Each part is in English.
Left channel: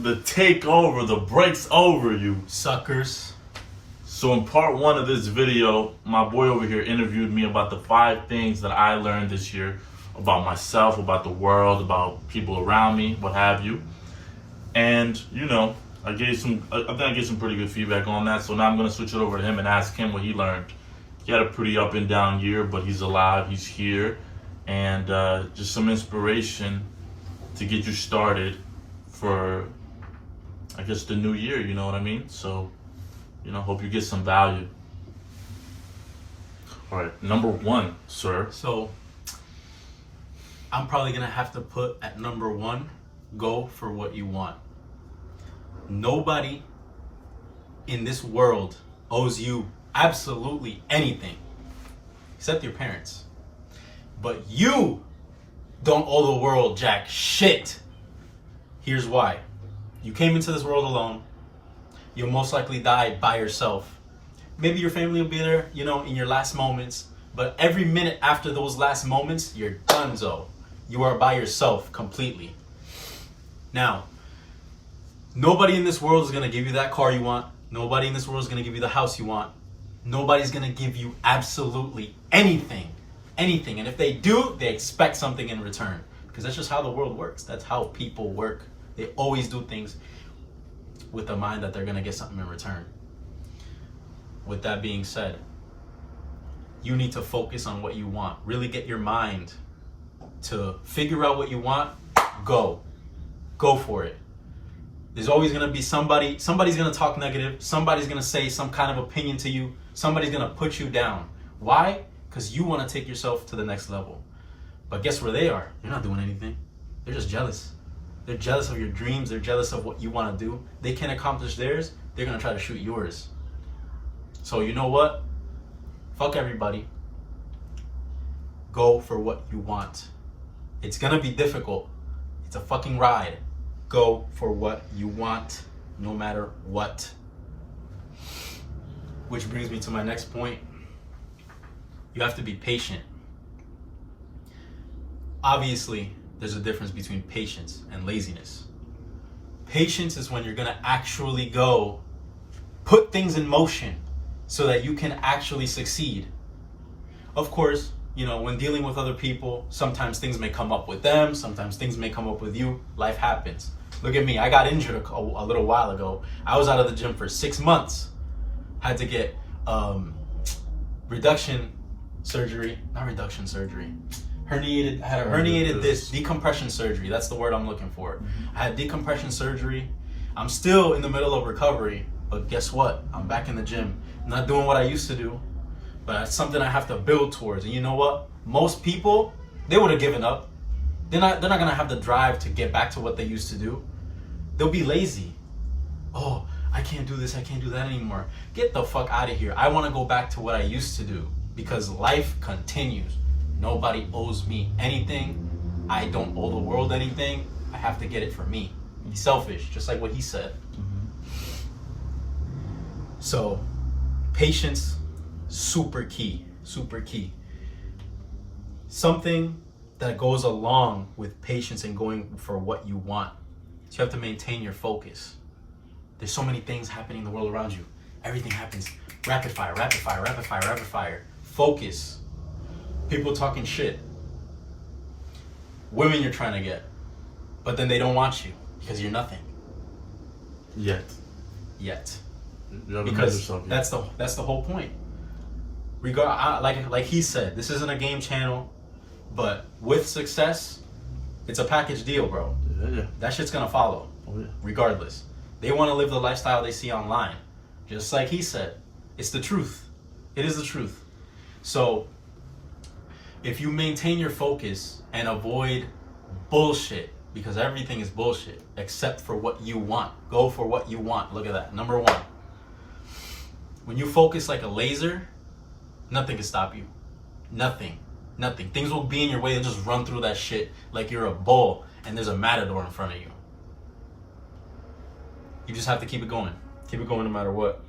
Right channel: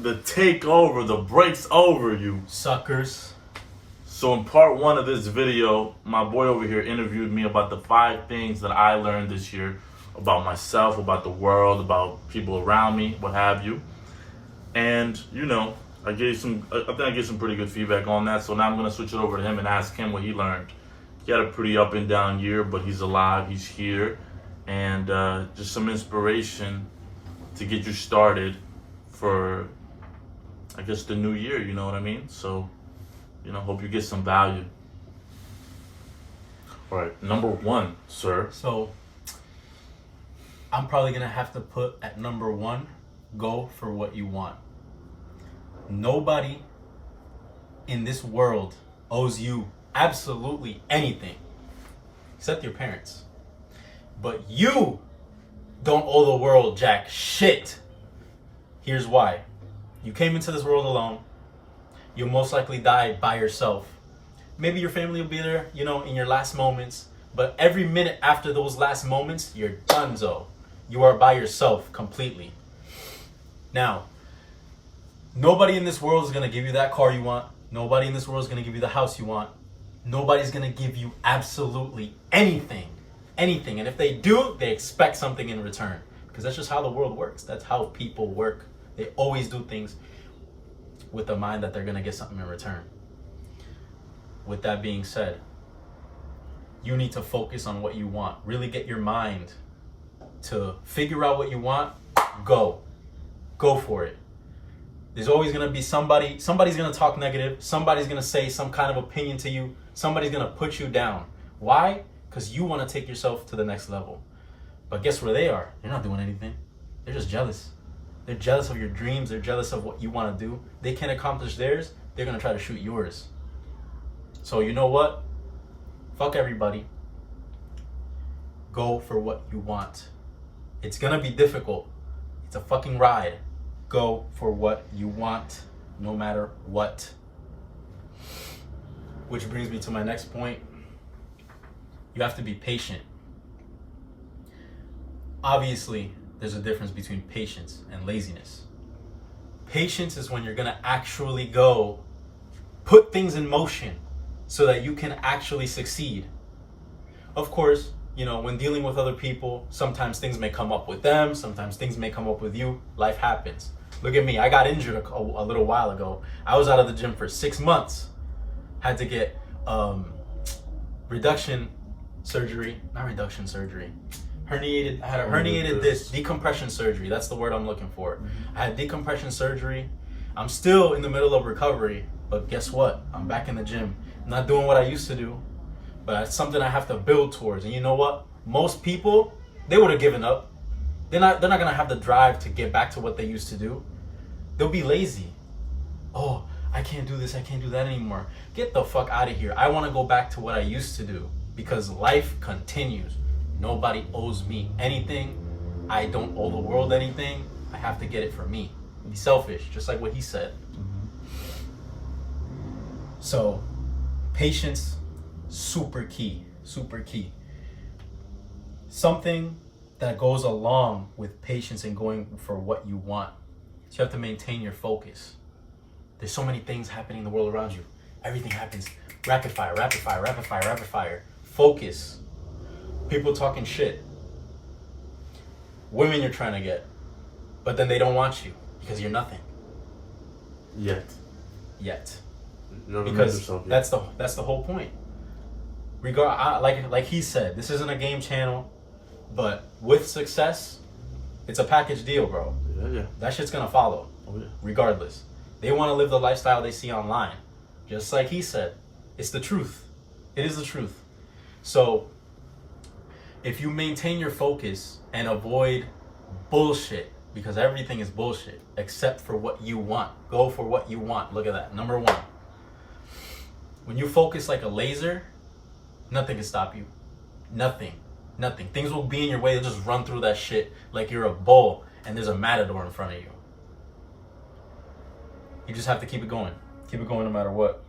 The takeover, the break's over, you suckers. So in part 1 of this video, my boy over here interviewed me about the 5 things that I learned this year about myself, about the world, about people around me, what have you. And, you know, I think I gave some pretty good feedback on that. So now I'm going to switch it over to him and ask him what he learned. He had a pretty up and down year, but he's alive, he's here. And just some inspiration to get you started for, I guess, the new year, you know what I mean? So, you know, hope you get some value. All right, number 1, sir. So, I'm probably going to have to put at number 1, go for what you want. Nobody in this world owes you absolutely anything, except your parents. But you don't owe the world jack shit. Here's why. You came into this world alone. You'll most likely die by yourself. Maybe your family will be there, you know, in your last moments. But every minute after those last moments, you're donezo. You are by yourself completely. Now, nobody in this world is going to give you that car you want. Nobody in this world is going to give you the house you want. Nobody's going to give you absolutely anything. Anything. And if they do, they expect something in return. Because that's just how the world works. That's how people work. They always do things with the mind that they're going to get something in return. With that being said, you need to focus on what you want. Really get your mind to figure out what you want. Go for it. There's always going to be somebody's going to talk negative. Somebody's going to say some kind of opinion to you. Somebody's going to put you down. Why? Because you want to take yourself to the next level. But guess where they are? They're not doing anything. They're just jealous. They're jealous of your dreams. They're jealous of what you want to do. They can't accomplish theirs. They're going to try to shoot yours. So you know what? Fuck everybody. Go for what you want. It's going to be difficult. It's a fucking ride. Go for what you want, no matter what. Which brings me to my next point. You have to be patient. Obviously, there's a difference between patience and laziness. Patience is when you're going to actually go put things in motion so that you can actually succeed. Of course, you know, when dealing with other people, sometimes things may come up with them, sometimes things may come up with you. Life happens. Look at me. I got injured a little while ago. I was out of the gym for 6 months. Had to get herniated disc, decompression surgery. That's the word I'm looking for. Mm-hmm. I had decompression surgery. I'm still in the middle of recovery, but guess what? I'm back in the gym. I'm not doing what I used to do, but it's something I have to build towards. And you know what? Most people, they would have given up. They're not gonna have the drive to get back to what they used to do. They'll be lazy. Oh, I can't do this, I can't do that anymore. Get the fuck out of here. I wanna go back to what I used to do because life continues. Nobody owes me anything. I don't owe the world anything. I have to get it for me. Be selfish, just like what he said. Mm-hmm. So, patience, super key, super key. Something that goes along with patience and going for what you want. So you have to maintain your focus. There's so many things happening in the world around you. Everything happens rapid fire, rapid fire, rapid fire, rapid fire. Focus. People talking shit. Women you're trying to get. But then they don't want you because you're nothing. Yet. Because that's the whole point. Like he said, this isn't a game channel, but with success, it's a package deal, bro. Yeah. That shit's gonna follow. Oh, yeah. Regardless. They want to live the lifestyle they see online. Just like he said. It's the truth. It is the truth. So, if you maintain your focus and avoid bullshit, because everything is bullshit, except for what you want. Go for what you want. Look at that. Number 1. When you focus like a laser, nothing can stop you. Nothing. Things will be in your way. They'll just run through that shit like you're a bull and there's a matador in front of you. You just have to keep it going. Keep it going no matter what.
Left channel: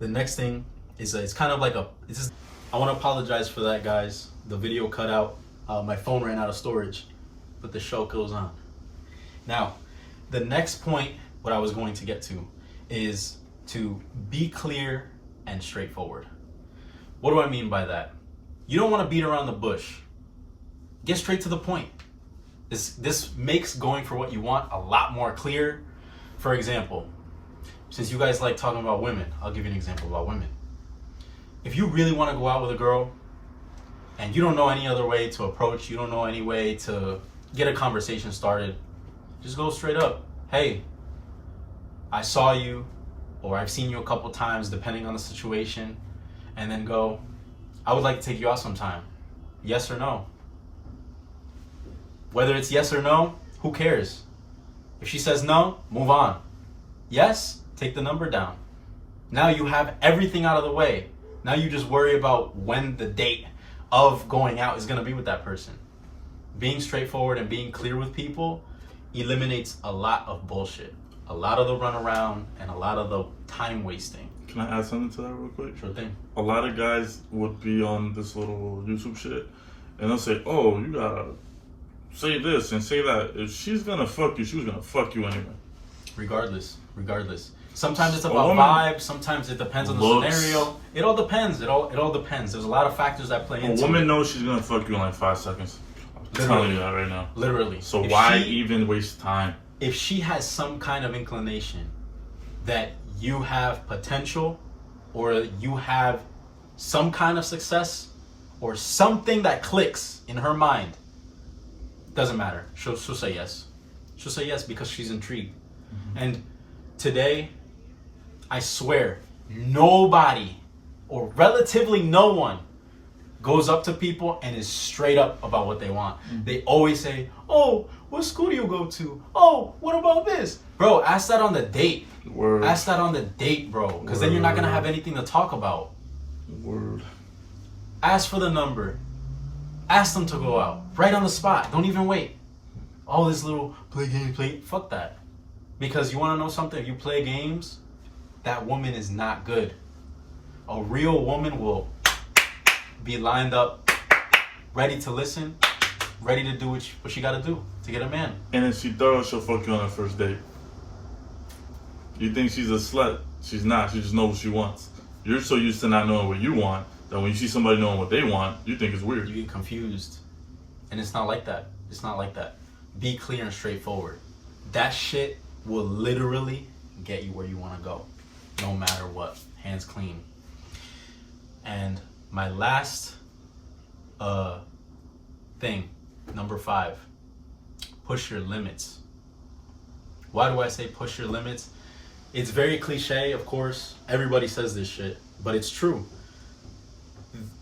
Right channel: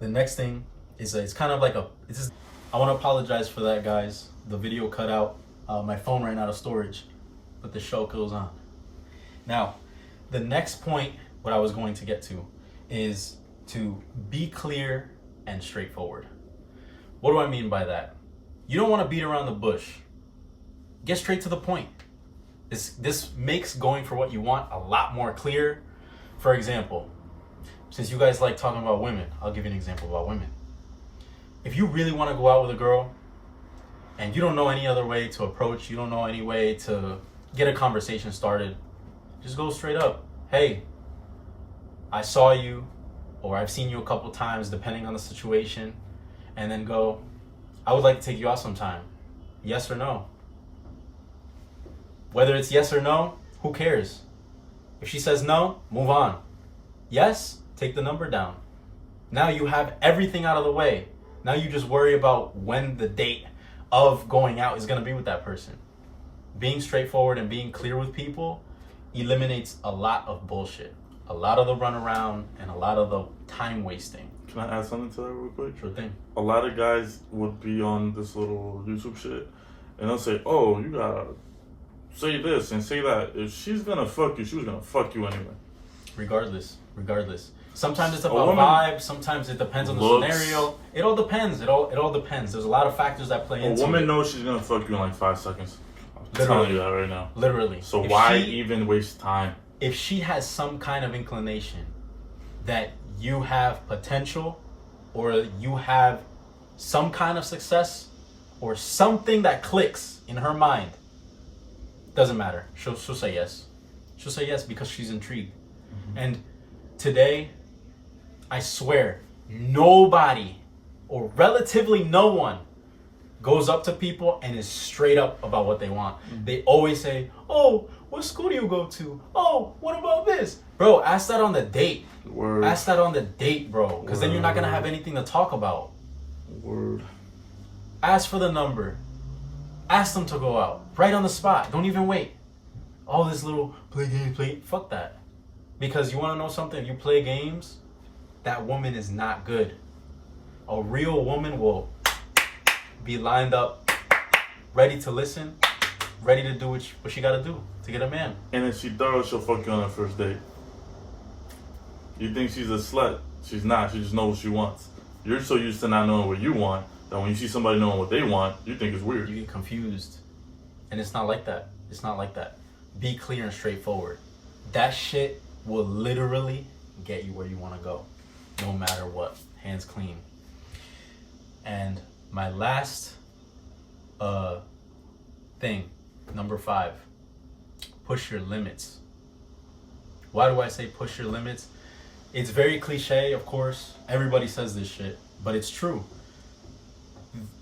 The next thing is it's kind of like I want to apologize for that, guys. The video cut out. My phone ran out of storage, but the show goes on. Now, the next point, what I was going to get to, is to be clear and straightforward. What do I mean by that? You don't want to beat around the bush. Get straight to the point. This makes going for what you want a lot more clear. For example, since you guys like talking about women, I'll give you an example about women. If you really want to go out with a girl and you don't know any other way to approach, you don't know any way to get a conversation started, just go straight up. Hey, I saw you, or I've seen you a couple times depending on the situation, and then go, I would like to take you out sometime. Yes or no? Whether it's yes or no, who cares? If she says no, move on. Yes, take the number down. Now you have everything out of the way. Now you just worry about when the date of going out is going to be with that person. Being straightforward and being clear with people eliminates a lot of bullshit. A lot of the runaround and a lot of the time wasting. Can I add something to that real quick? Sure thing. A lot of guys would be on this little YouTube shit and they'll say, oh, you gotta say this and say that. If she's gonna fuck you, she was gonna fuck you anyway. Regardless. Sometimes it's about vibe. Sometimes it depends on the scenario. It all depends. It all depends. There's a lot of factors that play into it. A woman knows she's gonna fuck you in like 5 seconds. I'm telling you that right now. Literally. So why even waste time? If she has some kind of inclination that you have potential, or you have some kind of success, or something that clicks in her mind, doesn't matter. She'll say yes. She'll say yes because she's intrigued. Mm-hmm. And today, I swear, nobody, or relatively no one, goes up to people and is straight up about what they want. Mm-hmm. They always say, oh, what school do you go to? Oh, what about this? Bro, ask that on the date. Word. Ask that on the date, bro. Because then you're not going to have anything to talk about. Word. Ask for the number. Ask them to go out. Right on the spot. Don't even wait. Oh, this little play. Fuck that. Because you want to know something? If you play games, that woman is not good. A real woman will be lined up, ready to listen, ready to do what she got to do to get a man. And if she thorough, she'll fuck you on her first date. You think she's a slut? She's not. She just knows what she wants. You're so used to not knowing what you want that when you see somebody knowing what they want, you think it's weird. You get confused. And it's not like that. It's not like that. Be clear and straightforward. That shit will literally get you where you want to go, no matter what. Hands clean. And my last thing, number 5, push your limits. Why do I say push your limits? It's very cliche, of course. Everybody says this shit, but it's true.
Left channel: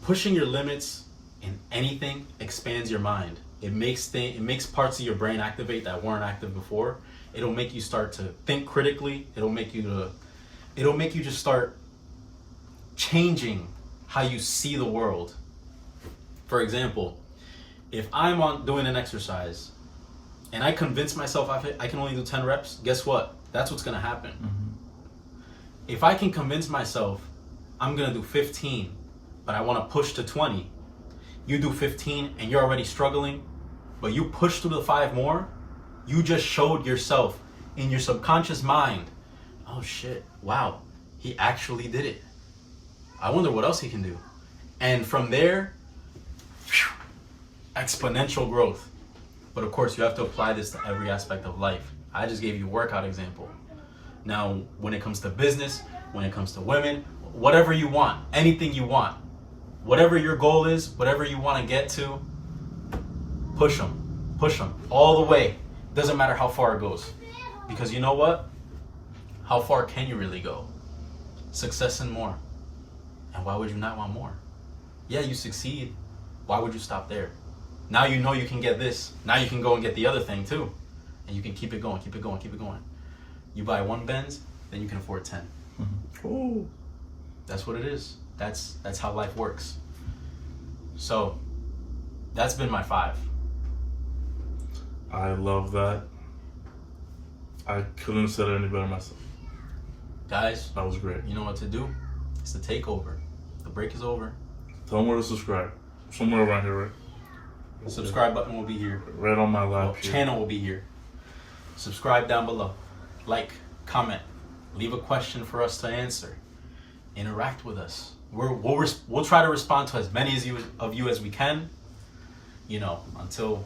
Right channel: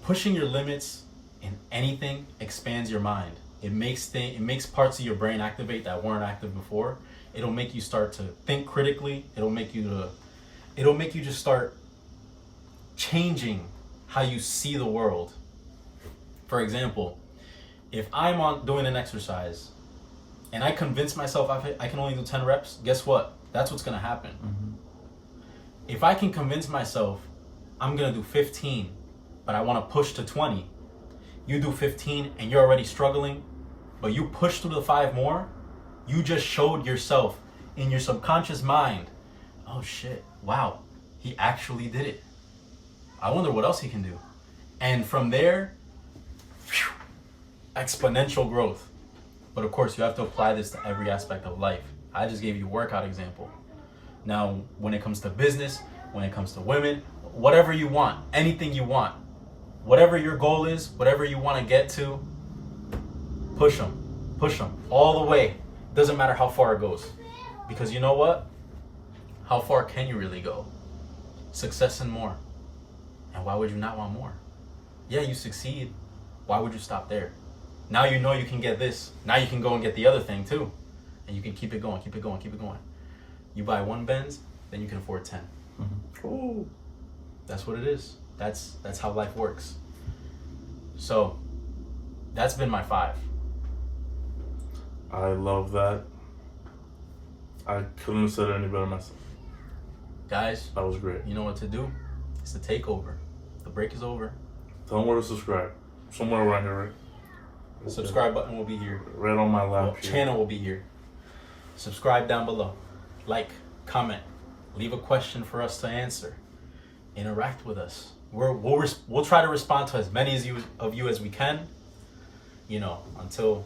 Pushing your limits in anything expands your mind. It makes parts of your brain activate that weren't active before. It'll make you start to think critically. It'll make you just start changing how you see the world. For example, if I'm doing an exercise and I convince myself I can only do 10 reps, guess what? That's what's going to happen. Mm-hmm. If I can convince myself I'm going to do 15, but I want to push to 20, you do 15 and you're already struggling, but you push through the 5 more, you just showed yourself in your subconscious mind, oh shit, wow, he actually did it. I wonder what else he can do. And from there, exponential growth. But of course, you have to apply this to every aspect of life. I just gave you a workout example. Now, when it comes to business, when it comes to women, whatever you want, anything you want, whatever your goal is, whatever you want to get to, push them all the way. Doesn't matter how far it goes. Because you know what? How far can you really go? Success and more. And why would you not want more? Yeah, you succeed. Why would you stop there? Now you know you can get this. Now you can go and get the other thing too. And you can keep it going. You buy 1 Benz, then you can afford 10. Mm-hmm. Ooh. That's what it is. That's how life works. So, that's been my 5. I love that. I couldn't have said it any better myself. Guys, that was great. You know what to do. It's the takeover. The break is over. Tell them where to subscribe. Somewhere around here, right? The subscribe button will be here. Right on my lap. Channel will be here. Subscribe down below. Like, comment, leave a question for us to answer. Interact with us. We'll try to respond to as many of you as we can. Until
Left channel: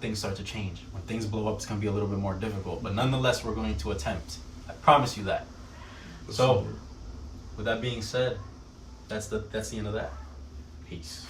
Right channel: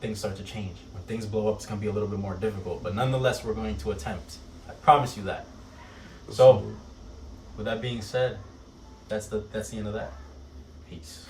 things start to change. When things blow up, it's gonna be a little bit more difficult. But nonetheless, we're going to attempt. I promise you that. So, with that being said, that's the end of that. Peace.